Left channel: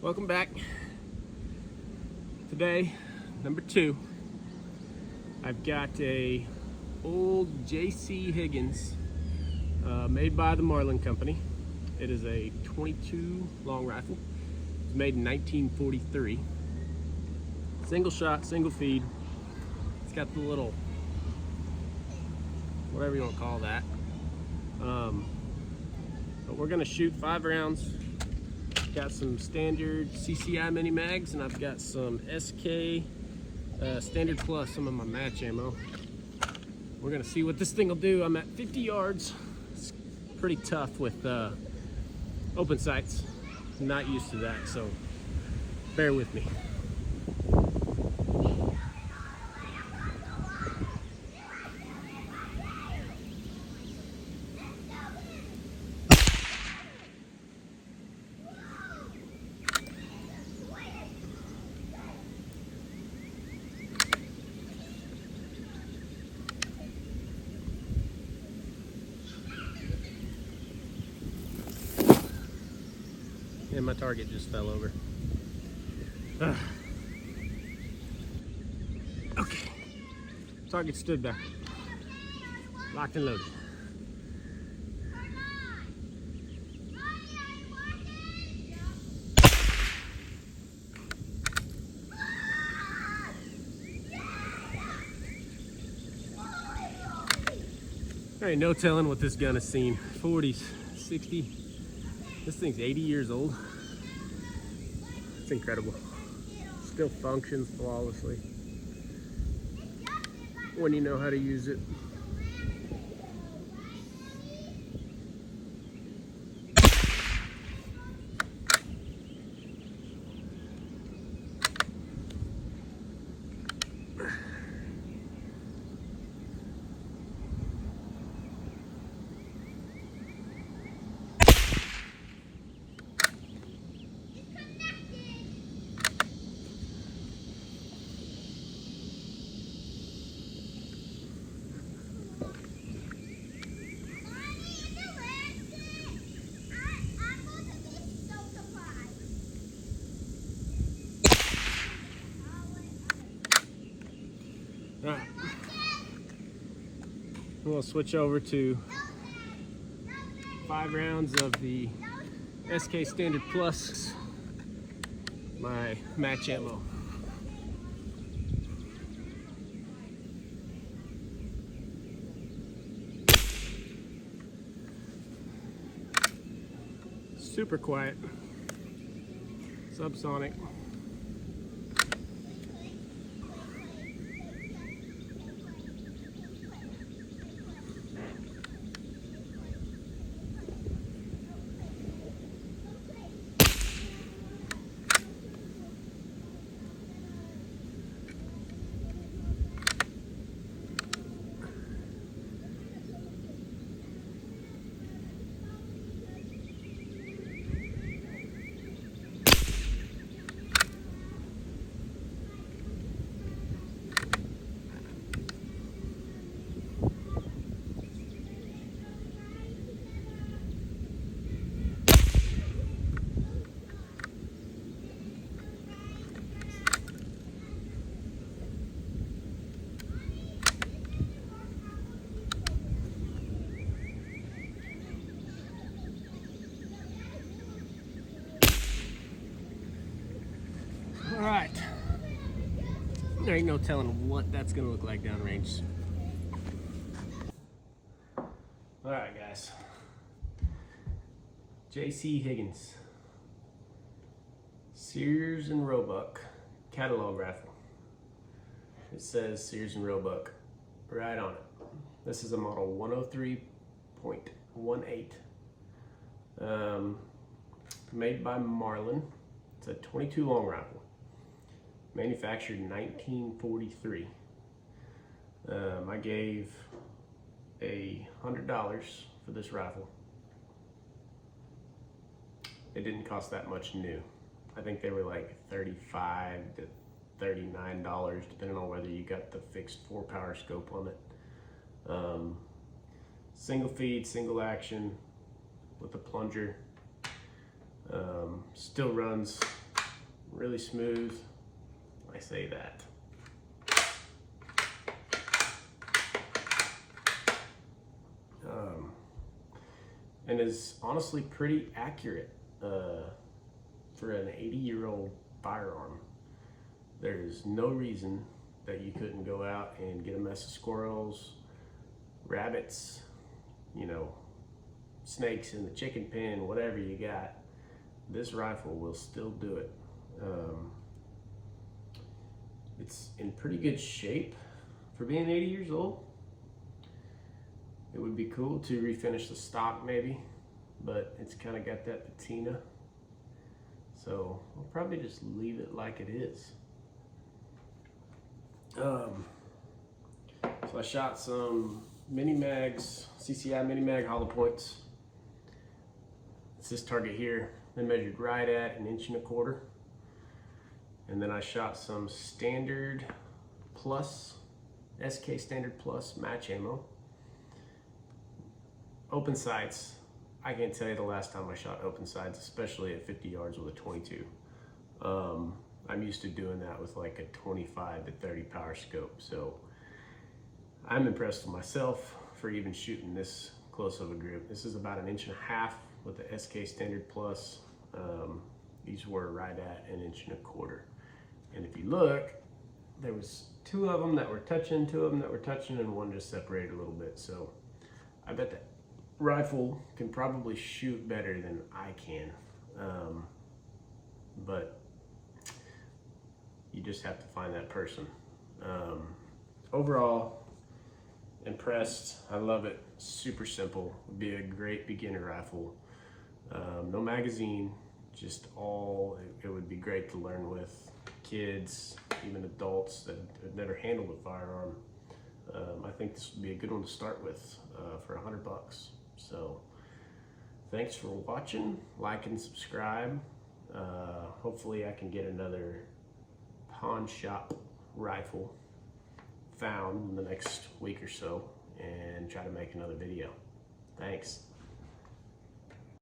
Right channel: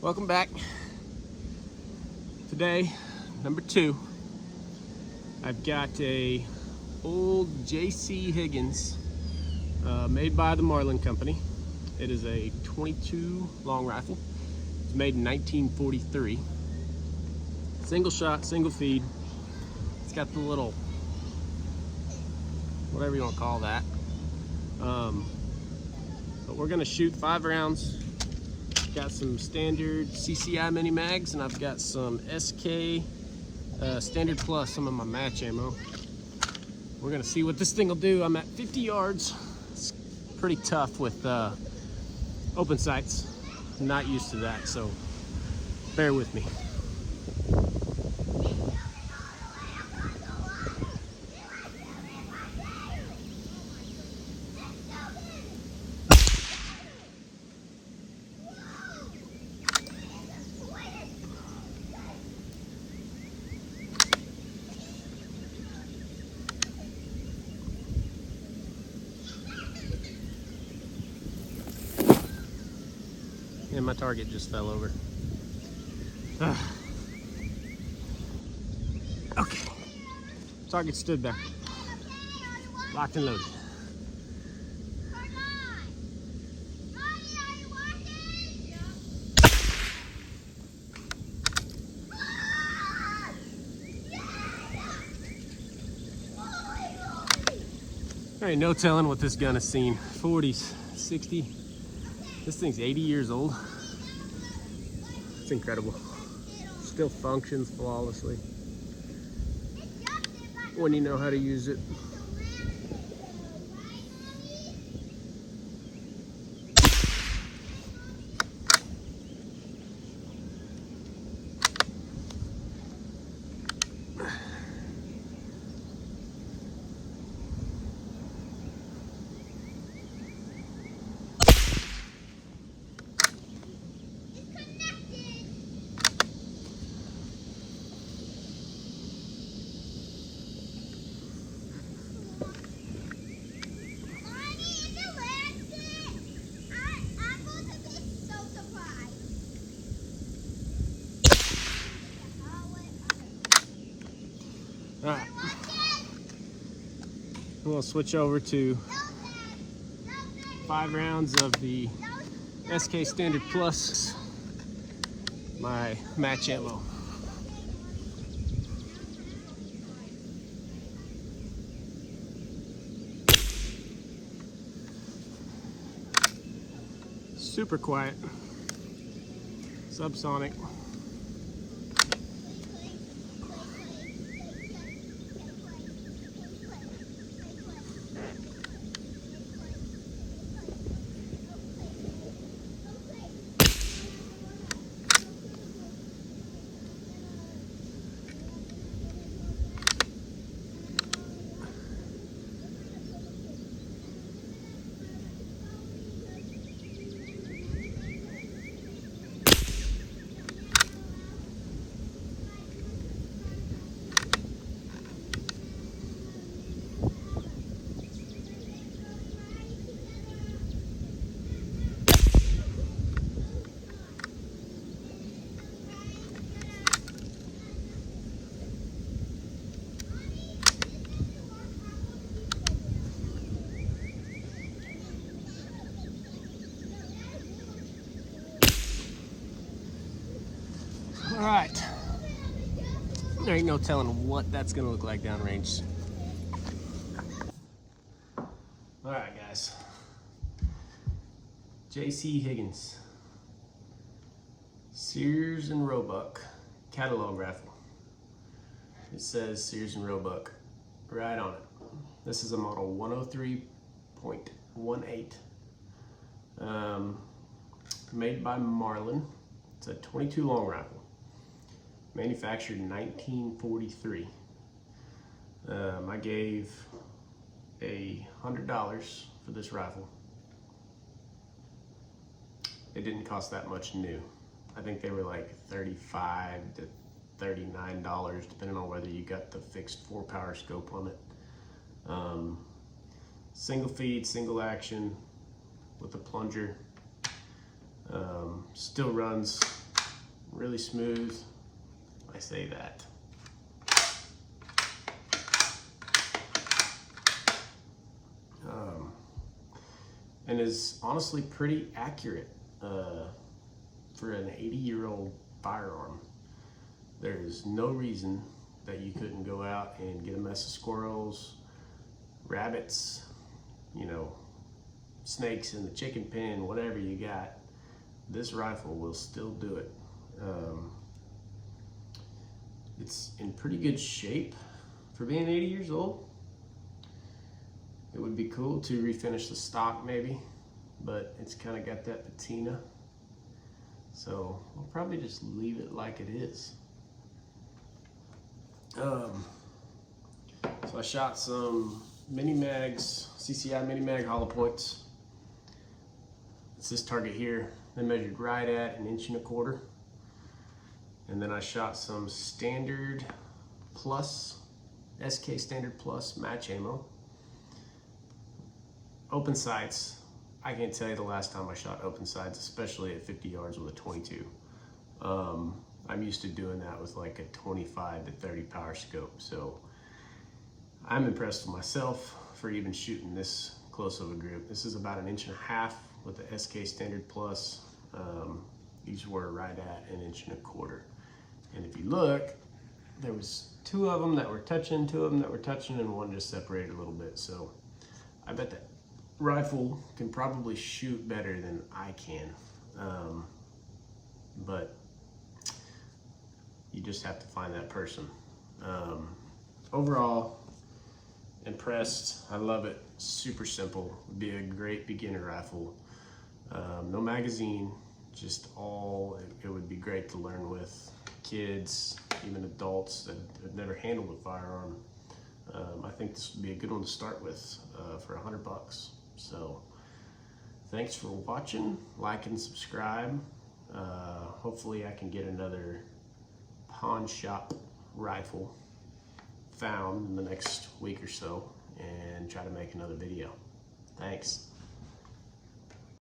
Welcome back. Today, number 2, I've got a old J.C. Higgins made by the Marlin Company. It is a 22 long rifle. It's made in 1943. Single shot, single feed. It's got the little, whatever you want to call that. But we're gonna shoot 5 rounds. Got some standard CCI mini mags, and I've got some SK Standard Plus, some of my match ammo. We're gonna see what this thing will do. I'm at 50 yards. It's pretty tough with open sights. I'm not used to that, so bear with me. And my target just fell over. Okay. Target stood there. Locked and loaded. There ain't no telling what this gun has seen. 40s, 60. This thing's 80 years old. It's incredible. Still functions flawlessly when you know how to use it. All right, we'll switch over to 5 rounds of the SK Standard Plus, my match ammo. Super quiet, subsonic. All right, there ain't no telling what that's gonna look like downrange. All right, guys. J.C. Higgins, Sears and Roebuck catalog rifle. It says Sears and Roebuck right on it. This is a model 103.18. Made by Marlin. It's a 22 long rifle. Manufactured in 1943. I gave $100 for this rifle. It didn't cost that much new. I think they were like $35 to $39, depending on whether you got the fixed 4-power scope on it. Single feed, single action with a plunger. Still runs really smooth. I say that. And is honestly pretty accurate for an 80-year-old firearm. There's no reason that you couldn't go out and get a mess of squirrels, rabbits, you know, snakes in the chicken pen, whatever you got. This rifle will still do it. It's in pretty good shape for being 80 years old. It would be cool to refinish the stock maybe, but it's kind of got that patina. So we'll probably just leave it like it is. So I shot some mini mags, CCI mini mag hollow points. It's this target here. They measured right at 1.25 inches. And then I shot some Standard Plus, SK Standard Plus match ammo. Open sights. I can't tell you the last time I shot open sights, especially at 50 yards with a 22. I'm used to doing that with like a 25 to 30 power scope. So I'm impressed with myself for even shooting this close of a group. This is about 1.5 inches with the SK Standard Plus. These were right at 1.25 inches. And if you look, there was 2 of them that were touching, 2 of them that were touching, and 1 just separated a little bit. So I bet that rifle can probably shoot better than I can. But you just have to find that person. Overall, impressed. I love it. Super simple. Would be a great beginner rifle. No magazine, just all, it would be great to learn with kids, even adults that have never handled a firearm. I think this would be a good one to start with for $100. So thanks for watching, like and subscribe. Hopefully I can get another pawn shop rifle found in the next week or so and try to make another video. Thanks.